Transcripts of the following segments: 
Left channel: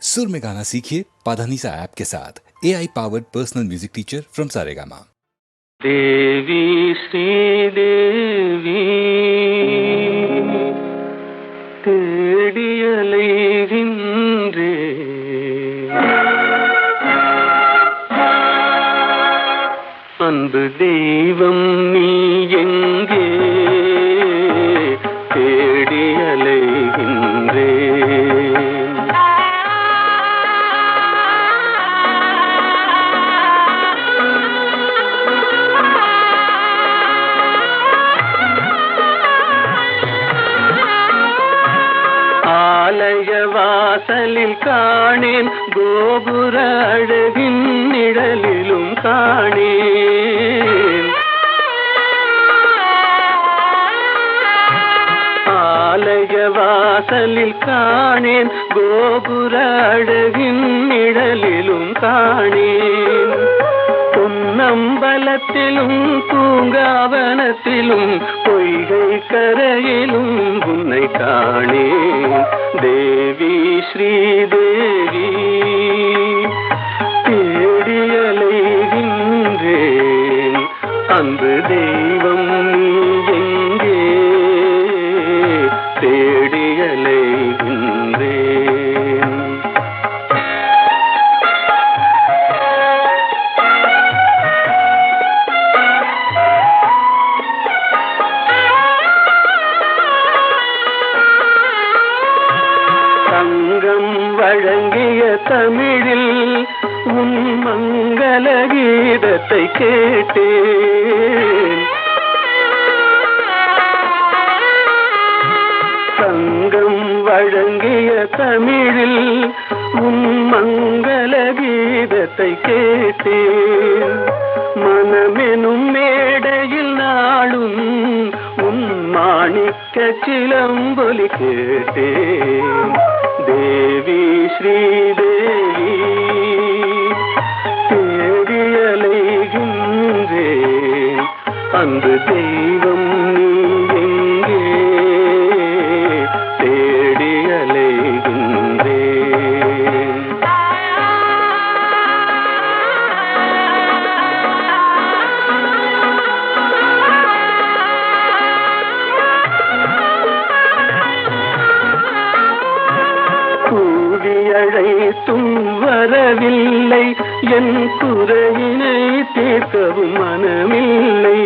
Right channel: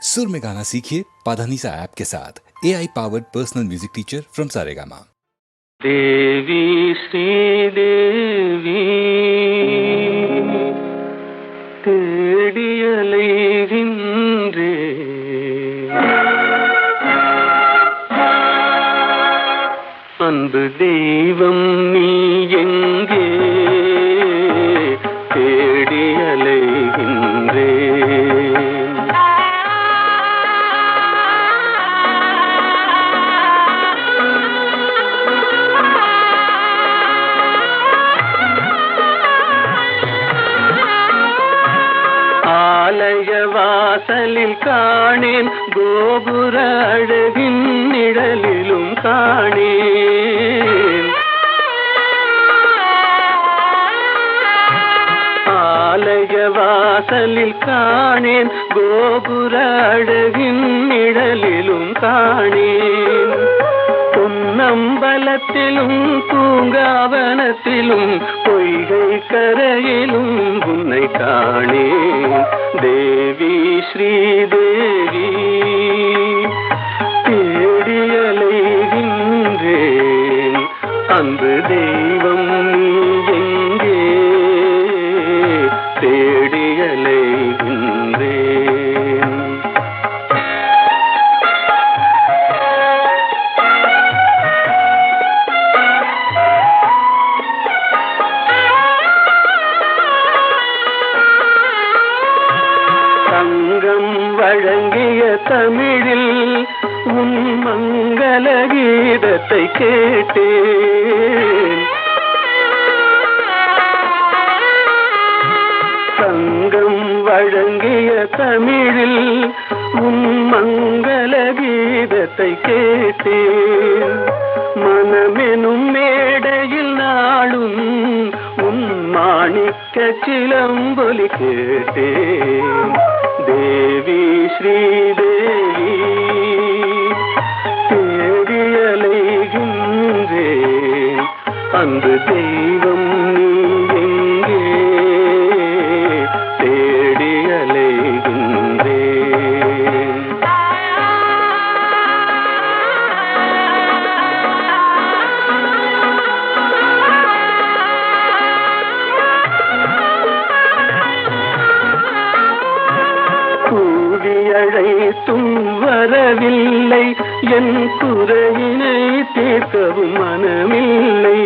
सुर में गाना सीखिए पाधानीसा ऐप के साथ AI powered personal music teacher from Saregama. देवी श्रीदेवी தேடியலைகின்றே அன்பு தெய்வம் நீ எங்கே தேடியலைகின்றே ஆலய வாசலில் காணேன் கோபுர அழகின் நிழலிலும் காணேன் ஆலய வாசலில் காணேன் கோபுர அழகின் நிழலிலும் காணேன் பொன்னம்பலத்திலும் பூங்காவனத்திலும் பொய்கை கரையிலும் உன்னை காணேன் தேவி ஸ்ரீதேவி தேடியலைகின்றேன் அன்பு தெய்வம் நீ எங்கே தேடியலைகின்றேன் சங்கம் வழங்கிய தமிழில் உன் மங்கள கீதத்தை கேட்டேன் சங்கம் வழங்கிய தமிழில் உன் மங்கள கீதத்தை கேட்டேன் மனமெனும் மேடையில் நாளும் உன் மாணிக்க சிலம்பொலி கேட்டேன் தேவி ஸ்ரீதேவி தேடியலைகின்றேன் அன்பு தெய்வம் நீ எங்கே தேடியலைகின்றேன் கூவியழைத்தும் வரவில்லை என் குறையினை தீர்க்கவும் மனமில்லை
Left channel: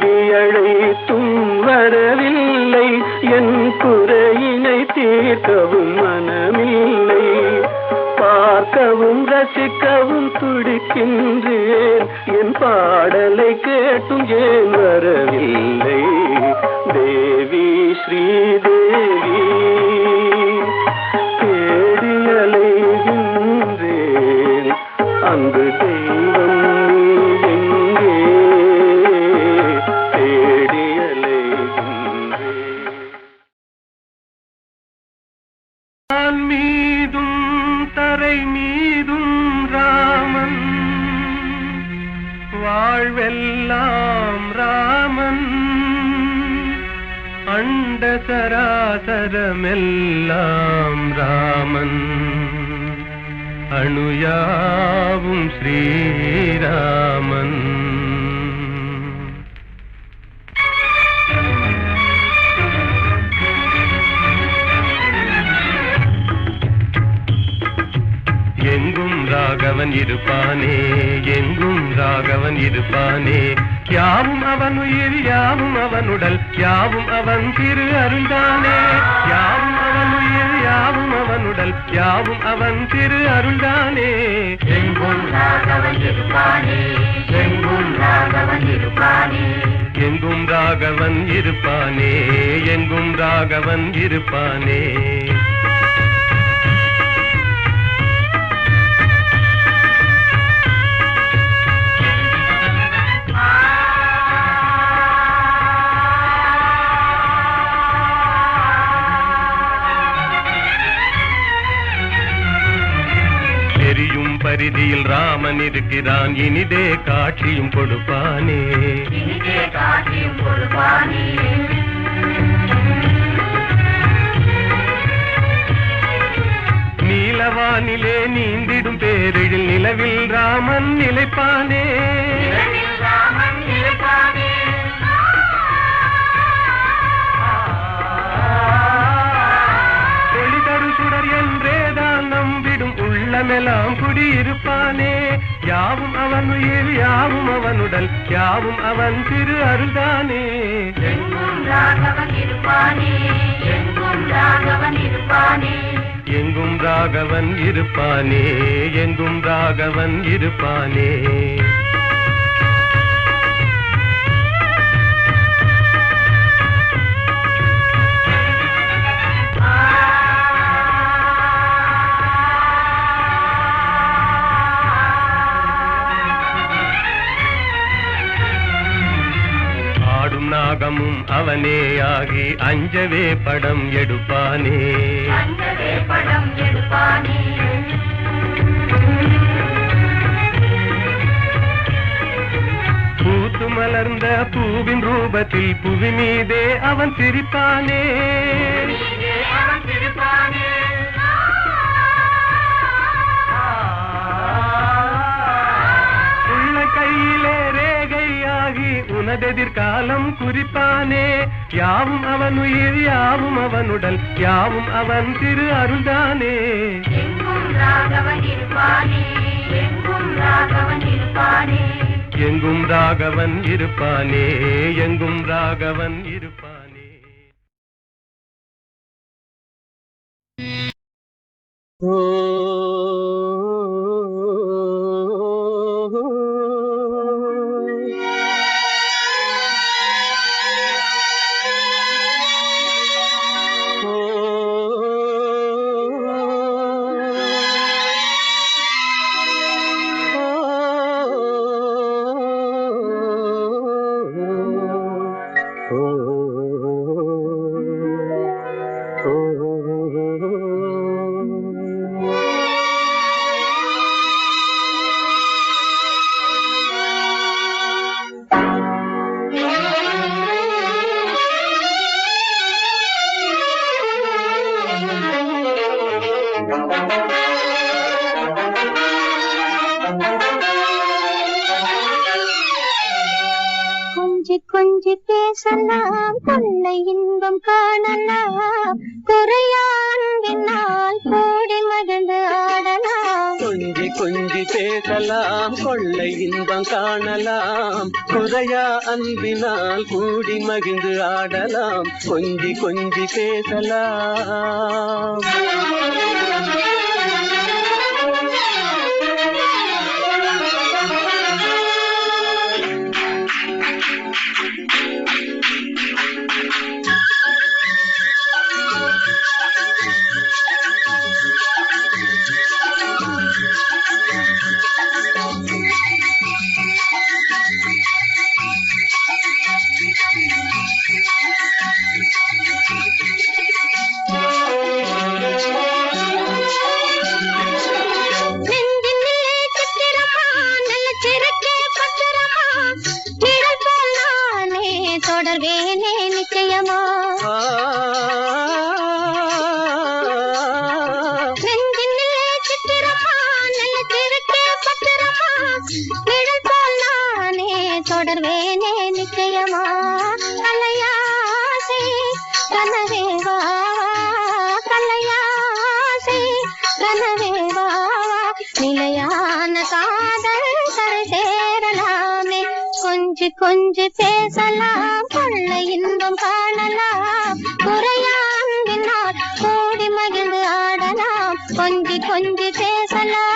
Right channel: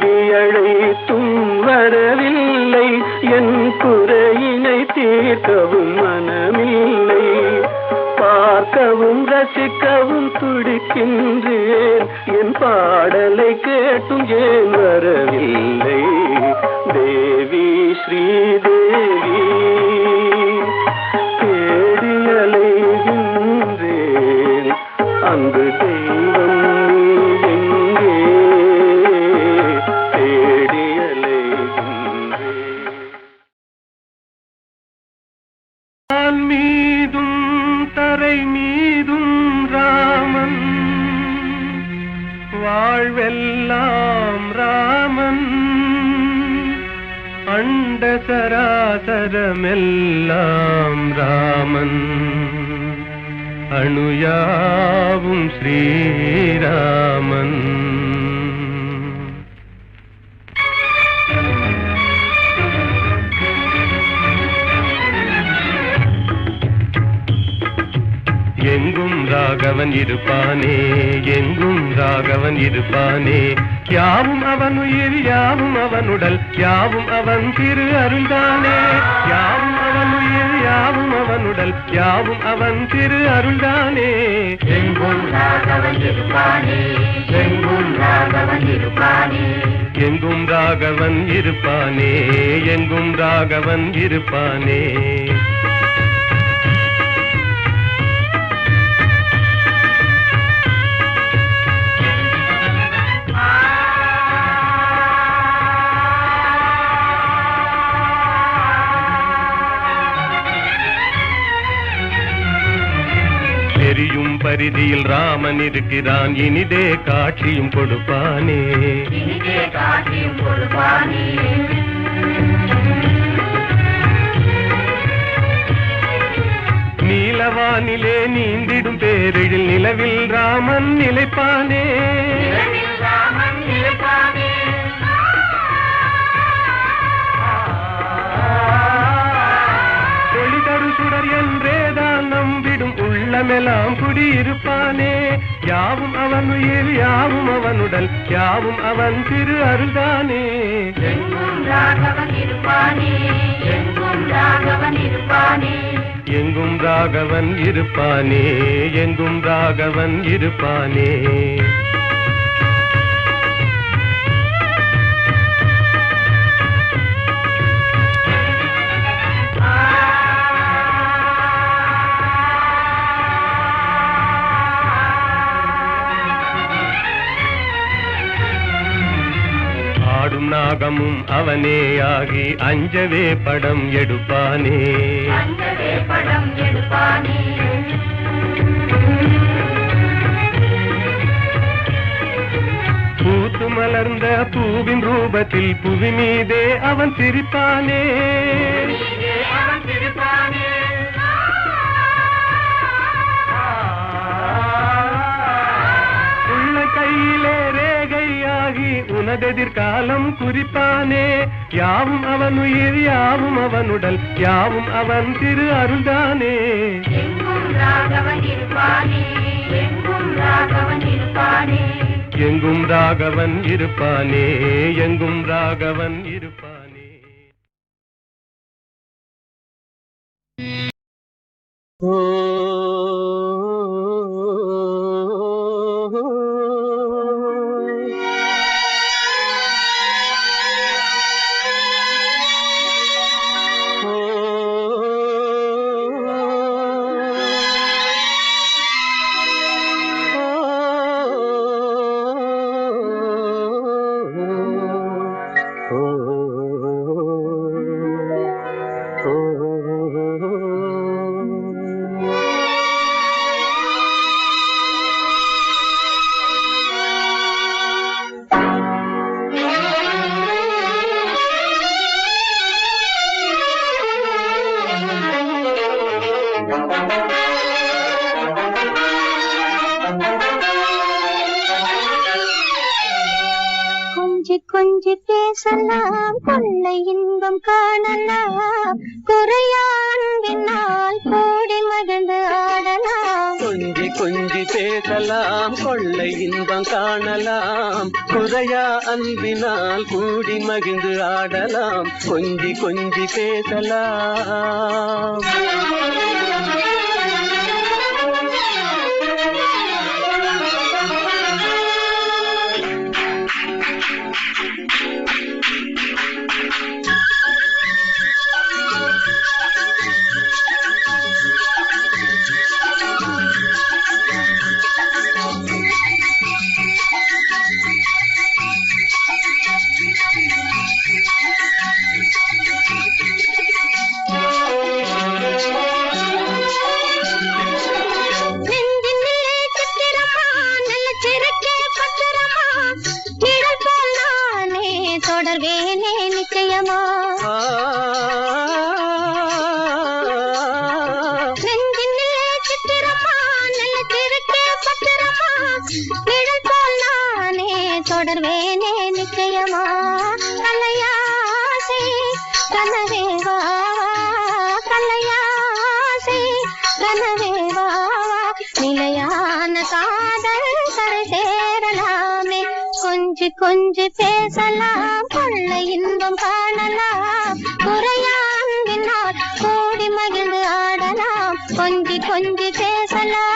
கூவியழைத்தும் வரவில்லை என் குறையினை தீர்க்கவும் மனமில்லை பார்க்கவும் ரசிக்கவும் துடிக்கின்றேன் என் பாடலை கேட்டும் ஏன் வரவில்லை தேவி ஸ்ரீதேவி தேடியலைகின்றேன் அன்பு தெய்வம் நீ எங்கே தேடியலைகின்றேன் மீதும் தரை மீதும் ராமன் வாழ்வெல்லாம் ராமன் அண்ட சராசரமெல்லாம் ராமன் அணுயாவும் ஸ்ரீராமன் எங்கும் ராகவன் இருப்பானே எங்கும் ராகவன் இருப்பானே யாவும் அவன் உயிர் யாவும் அவன் உடல் யாவும் அவன் திரு அருள்தானே யாவும் அவன் உயிர் யாவும் அவன் உடல் யாவும் அவன் திரு அருள்தானே எங்கும் ராகவன் இருப்பானே எங்கும் ராகவன் இருப்பானே எங்கும் ராகவன் இருப்பானே எங்கும் ராகவன் இருப்பானே பரிதியில் ராமன் இருக்கிறான் இனிதே காட்சியும் கொடுப்பானே இனிதே காட்சியும் கொடுப்பானே நீந்திடும் பேரெழில் நிலவில் ராமன் நிலைப்பானே. ஒளிதரு சுடர் என்றேதான் நம்பிடும் உள்ளமெல்லாம் குடியிருப்பானே. யாவும் அவன் உயிர் யாவும் அவனுடல் யாவும் அவன் திரு அருள்தானே. எங்கும் ராகவன் இருப்பானே, எங்கும் ராகவன் இருப்பானே, எங்கும் ராகவன் இருப்பானே, எங்கும் ராகவன் இருப்பானே. ஆடும் நாகமும் அவனே ஆகி அஞ்சவே படம் எடுப்பானே, அஞ்சவே படம் எடுப்பானே. பூத்து மலர்ந்த பூவின் ரூபத்தில் புவி மீதே அவன் சிரிப்பானே. அவன் சிரிப்பானே. உள்ள கையிலே ரேகையாகி உனதெதிர்காலம் குறிப்பானே. யாவும் அவன் உயிர் யாவும் அவனுடல் யாவும் அவன் திரு அருள்தானே. எங்கும் ராகவன் இருப்பானே, எங்கும் ராகவன் இருப்பானே, எங்கும் ராகவன் இருப்பானே, எங்கும் ராகவன் இருப்பானே. கொஞ்சி பேசலாம், கொள்ளை இன்பம் காணலாம், குறையா அன்பினால் கூடி மகிழ்ந்து ஆடலாம். கொஞ்சி கொஞ்சி பேசலாம், கொள்ளை இன்பம் காணலாம், குறையா அன்பினால் கூடி மகிழ்ந்து ஆடலாம். கொஞ்சி கொஞ்சி பேசலாம். தொடர்வேனே நிச்சயமா, நெஞ்சினிலே சித்திரமா, நல்ல திருக்கே பத்திரமா, நிழல் போல் நானே தொடர்வேனே நிச்சயமா. கலையாசை கனவேவா, கலையாசை கனவேவா, நிலையான காதல் கரை சேரலாமே. கொஞ்சி கொஞ்சி பேசலாம், கொள்ளை இன்பம் காணலாம், குறையாண்டினால் கூடி மகிழ்ந்து ஆடலாம். கொஞ்சி கொஞ்சி பேசலாம்.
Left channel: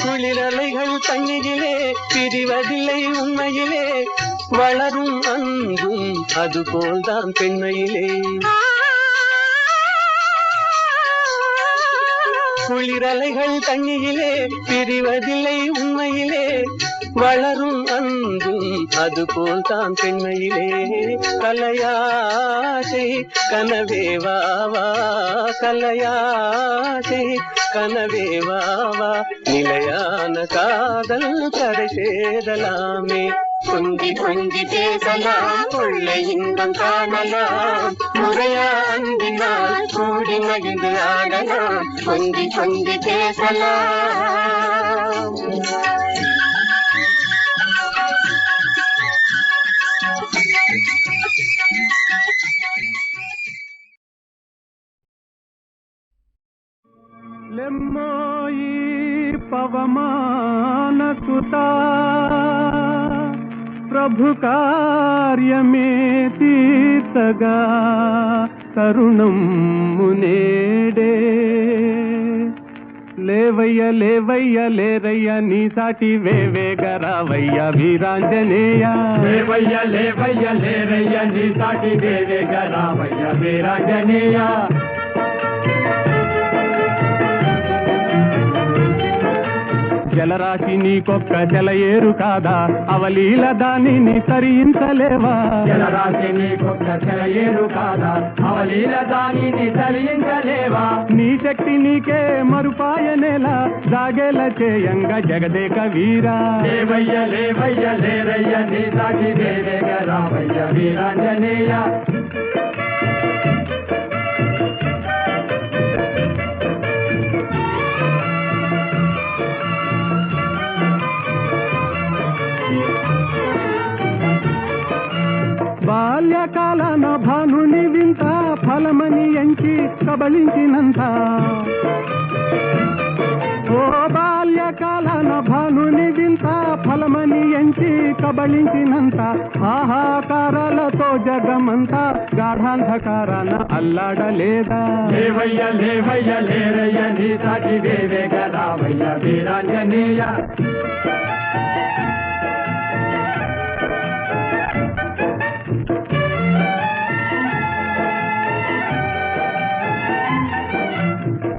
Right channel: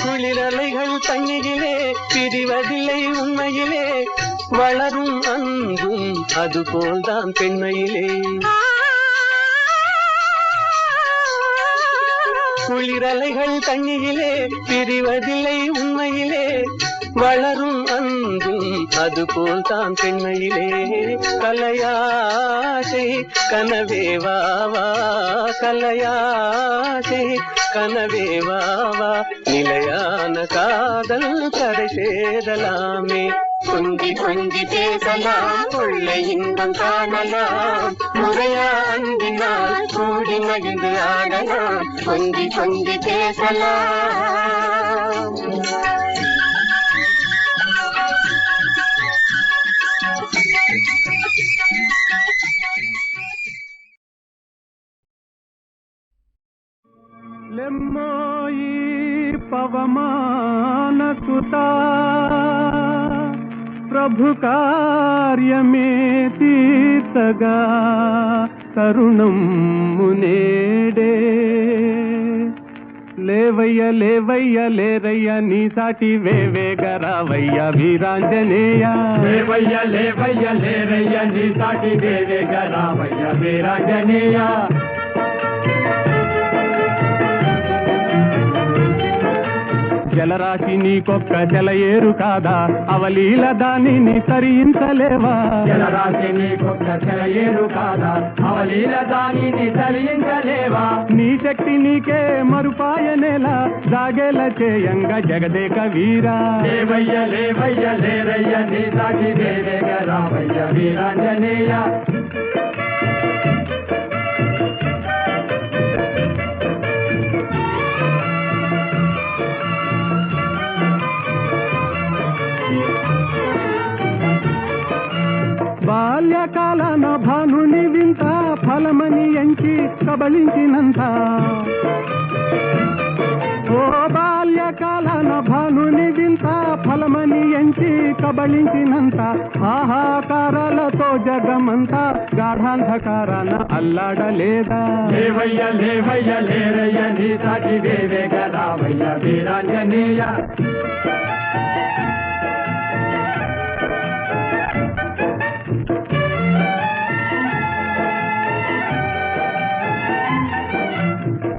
குளிரலைகள் தண்ணீரிலே பிரிவதில்லை உண்மையிலே, வளரும் அன்பும் அதுபோல்தான் பெண்மையிலே. குளிரலைகள் தண்ணியிலே பிரிவதில்லை உண்மையிலே வளரும் அன்பும் அதுபோல் தான் பெண்மையிலே கலையாசை கனவே வாவா கலையாசை கனவே வாவா நிலையான காதல் கரை சேரலாமே கொஞ்சி கொஞ்சி பேசலாம் கொள்ளை இன்பம் காணலாம் முறையா அன்பினால் கூடி மகிழ்ந்து ஆடலாம் கொஞ்சி கொஞ்சி பேசலாம் లెమ్మోయి పవమాన సుతా ప్రభు కార్యమే తీర్చగా తరుణం మునేడే లేవయ్య లేవయ్య లేరయ్య నీ సాటి వేవేగరావయ్య వీరాంజనేయ లేవయ్య లేవయ్య లేరయ్య నీ సాటి వేవేగరావయ్య వీరాంజనేయ జలరాశి నీకొక్క జలయేరు కాదా అవలీల దానిని తరించలేవా జలరాశి నీకొక్క జలయేరు కాదా అవలీల దానిని తరించలేవా నీ శక్తి నీకే మరుపాయనేలా జాగేల చేయంగా జగదేక వీరా లేవయ్య లేవయ్య లేరయ్య నీ సాటి వేవేగరావయ్య వీరాంజనేయ బాల్యకాలన భానుని వింత ఫలమని ఎంచి కబళించినంత ఓ బాల్యకాలన భానుని వింత ఫలమని ఎంచి కబళించినంత ఆహాకారాలతో జగమంతా గాఢాంధకారాన అల్లాడలేదా లేవయ్య లేవయ్య లేరయ్య నీ సాటి వేవేగరావయ్య వీరాంజనేయ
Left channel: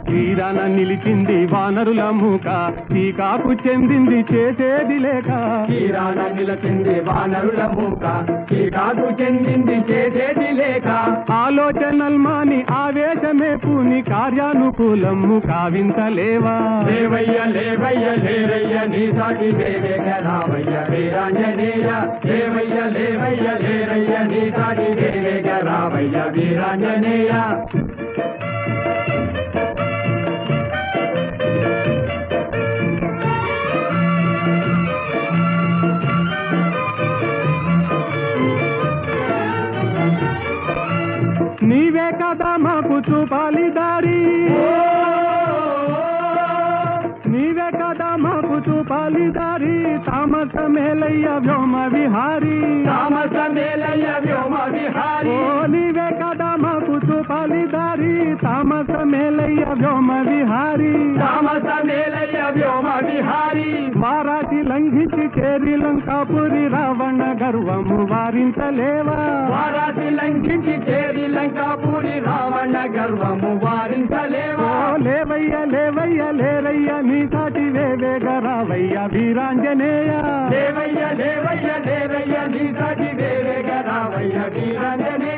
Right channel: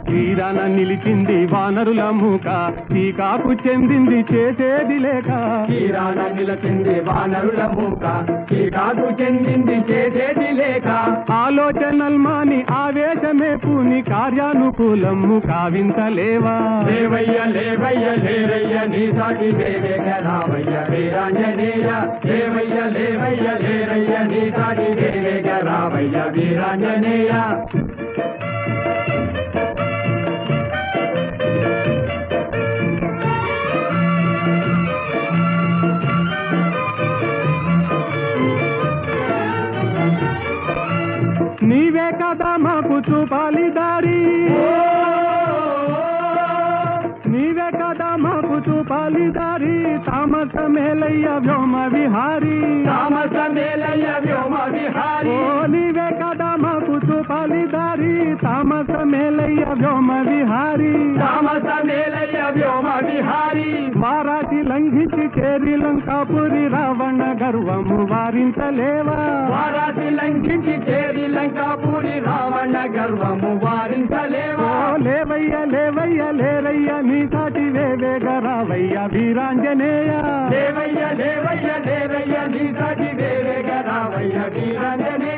తీరాన నిలిచింది వానరుల మూక టీకాకు చెందింది చేసేది లేక తీరాన నిలిచింది వానరుల మూక టీకాకు చెందింది చేసేది లేక ఆలోచనల్మాని ఆవేశమే పూని కార్యానుకూలము కావించలేవా లేవయ్య లేవయ్య లేరయ్య నీ సాటి వేవేగరావయ్య వీరాంజనేయ లేవయ్య లేవయ్య లేరయ్య నీ సాటి వేవేగరావయ్య వీరాంజనేయ నీవే కదా మాకు చూపాలి దారి నీవే కదా మాకు చూపాలి దారి తామస మేలయ్య వ్యోమ విహారీ తామస మేలయ్య వ్యోమ విహారీ ఓ నీవే కదా మాకు చూపాలి దారి తామస మేలయ్య వ్యోమ విహారీ తామస మేలయ్య వ్యోమ విహారీ వారాటి లంఘించి చేరి లంకాపురి రావణ గర్వము వారించలేవా వారాసి లంఘించి చేరి లంకాపురి రావణ గర్వము వారించలేవా లేవయ్య లేవయ్య లేరయ్య నీ సాటి వేవేగరావయ్య వీరాంజనేయ లేవయ్య లేవయ్య లేరయ్య నీ సాటి వేవేగరావయ్య వీరాంజనేయ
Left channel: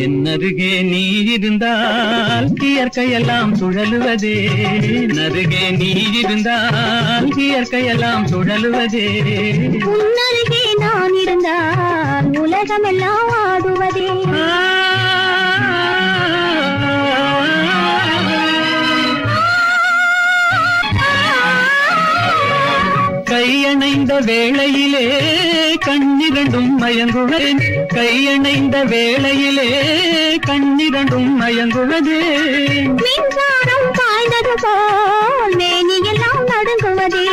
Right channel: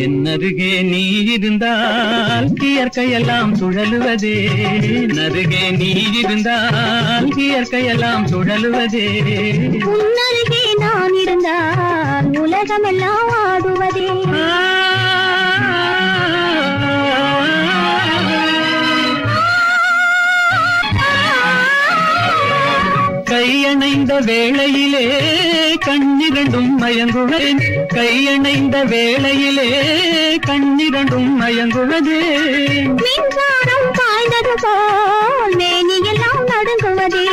என்னருகே நீ இருந்தால் இயற்கையெல்லாம் சுழலுவதே நருகே நீ இருந்தால் இயற்கையெல்லாம் சுழலுவதே உன்னருகே நான் இருந்தால் உலகமெல்லாம் ஆடுவதே கையணைந்த வேளையிலே கண்ணிரண்டும் மயங்குவேன் கையணைந்த வேளையிலே கண்ணிரண்டும் மயங்குவதே மின்சாரம் பாய்ந்தது போல் மேனியெல்லாம் நடுங்குவதே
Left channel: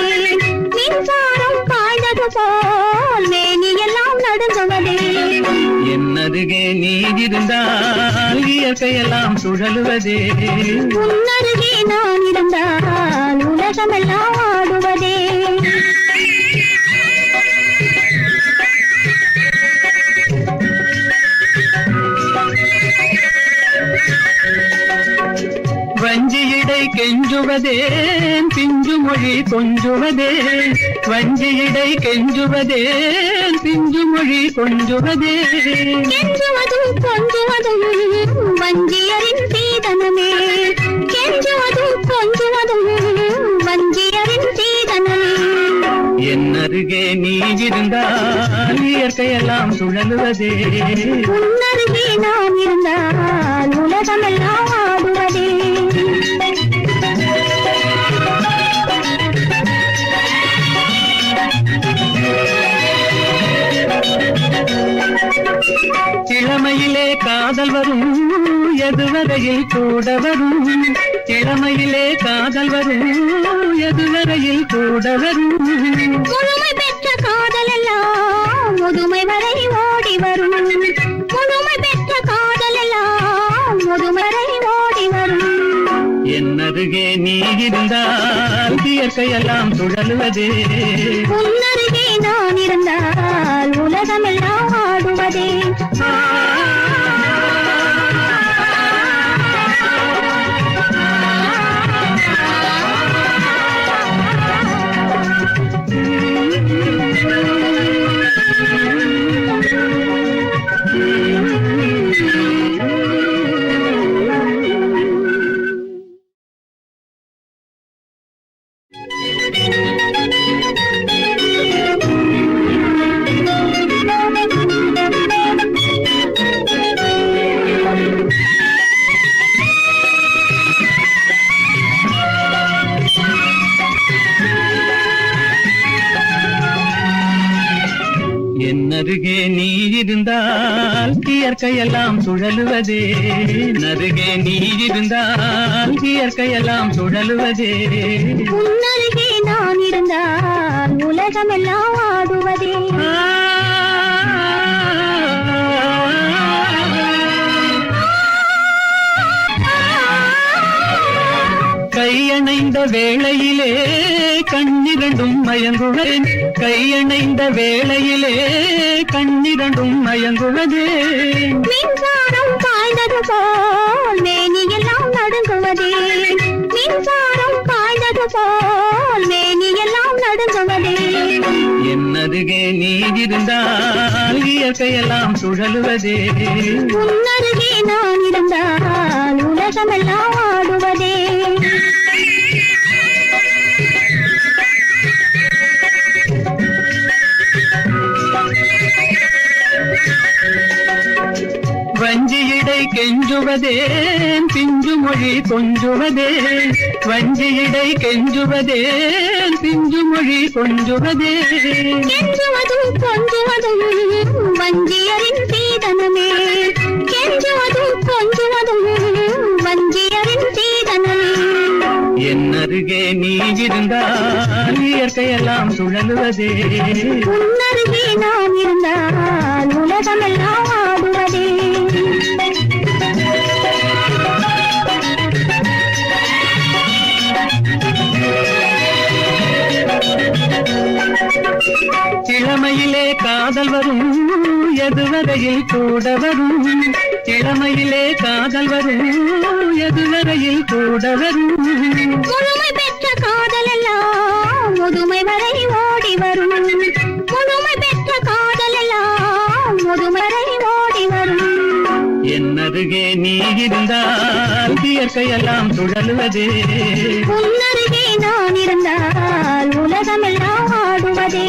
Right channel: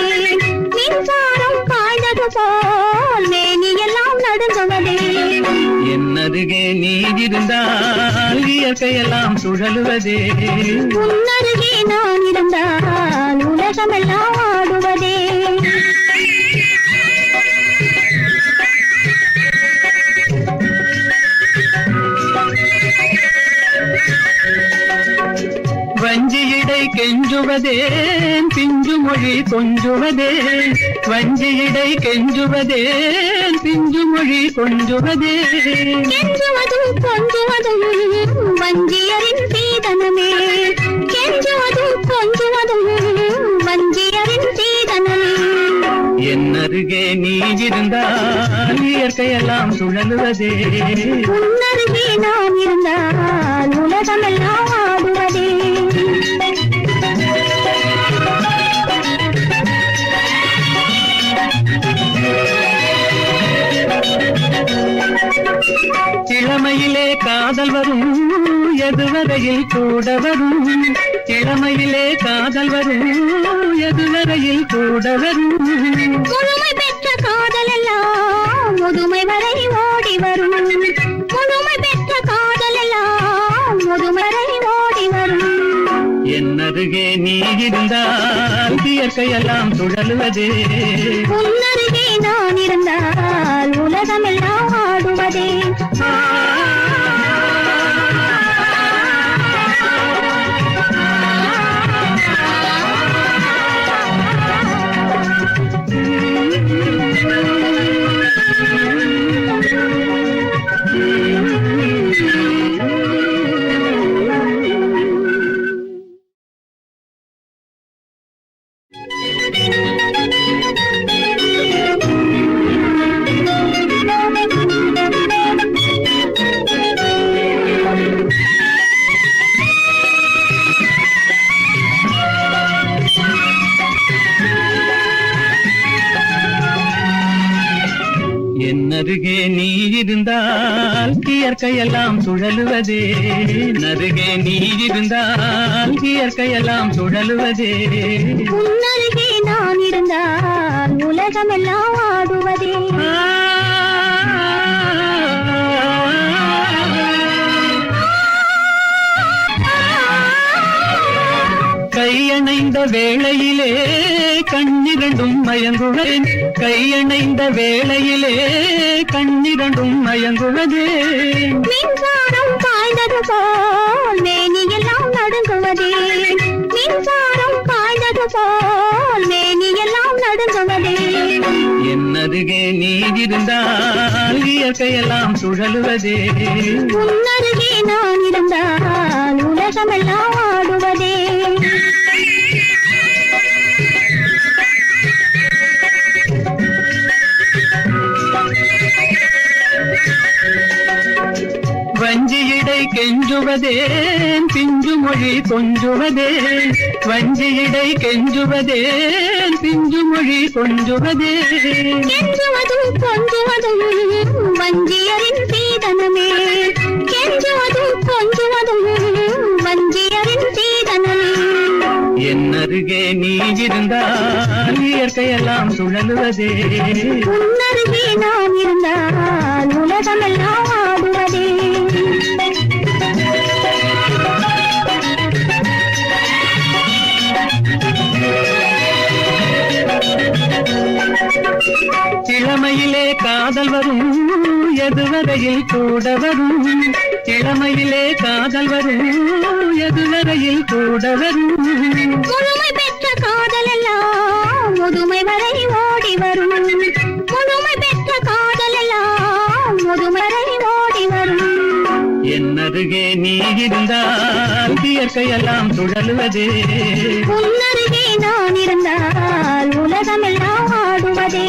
மின்சாரம் பாய்ந்தது போல் மேனியெல்லாம் நடுங்குவதே. என்னருகே நீ இருந்தால் இயற்கையெல்லாம் சுழலுவதே. உன்னருகே நான் இருந்தால் உலகமெல்லாம் ஆடுவதே. வஞ்சியிடை கெஞ்சுவதேன் பிஞ்சு மொழி கொஞ்சுவதே. வஞ்சியிடை கெஞ்சுவதேன் பிஞ்சு மொழி கொஞ்சுவதே. கெஞ்சுவதும் கொஞ்சுவதும் வஞ்சியரின் சீதனமே. கெஞ்சுவதும் கொஞ்சுவதும் வஞ்சியரின் சீதனமே. என்னருகே நீ இருந்தால் இயற்கையெல்லாம் சுழலுவதே. உன்னருகே நான் இருந்தால் உலகமெல்லாம் ஆடுவதே. இளமையிலே காதல் வரும் எதுவரையில் கூட வரும். இளமையிலே காதல் வரும் எதுவரையில் கூட வரும். முழுமை பெற்ற காதல் எல்லாம் முதுமை வரை ஓடி வரும். முழுமை பெற்ற காதல் எல்லாம் முதுமை வரை ஓடி வரும். என்னருகே நீ இருந்தால் இயற்கையெல்லாம் சுழலுவதே. உன்னருகே நான் இருந்தால் உலகமெல்லாம் ஆடுவதே. என்னருகே நீ இருந்தால் இயற்கையெல்லாம் சுழலுவதே. நருகே நீ இருந்தால் இயற்கையெல்லாம் சுழலுவதே. உன்னருகே நான் இருந்தால் உலகமெல்லாம் ஆடுவதே. கையணைந்த வேளையிலே கண்ணிரண்டும் மயங்குவேன். கையணைந்த வேளையிலே கண்ணிரண்டும் மயங்குவதே. மின்சாரம் பாய்ந்தது போல் மேனியெல்லாம் நடுங்குவதே. மின்சாரம் பாய்ந்தது போல் மேனியெல்லாம் நடுங்குவதே. என்னருகே நீ இருந்தால் இயற்கையெல்லாம் சுழலுவதே. உன்னருகே நான் இருந்தால் உலகமெல்லாம் ஆடுவதே. வஞ்சியிடை கெஞ்சுவதேன் பிஞ்சு மொழி கொஞ்சுவதே. வஞ்சியிடை கெஞ்சுவதேன் பிஞ்சு மொழி கொஞ்சுவதே. கெஞ்சுவதும் கொஞ்சுவதும் வஞ்சியரின் சீதனமே. கெஞ்சுவதும் கொஞ்சுவதும் வஞ்சியரின் சீதனமே. என்னருகே நீ இருந்தால் இயற்கையெல்லாம் சுழலுவதே. உன்னருகே நான் இருந்தால் உலகமெல்லாம் ஆடுவதே. இளமையிலே காதல் வரும் எதுவரையில் கூட வரும். இளமையிலே காதல் வரும் எதுவரையில் கூட வரும். முழுமை பெற்ற காதல் எல்லாம் முதுமை வரை ஓடி வரும். முழுமை பெற்ற காதல் எல்லாம் முதுமை வரை ஓடி வரும். என்னருகே நீ இருந்தால் இயற்கையெல்லாம் சுழலுவதே. உன்னருகே நான் இருந்தால் உலகமெல்லாம் ஆடுவதே.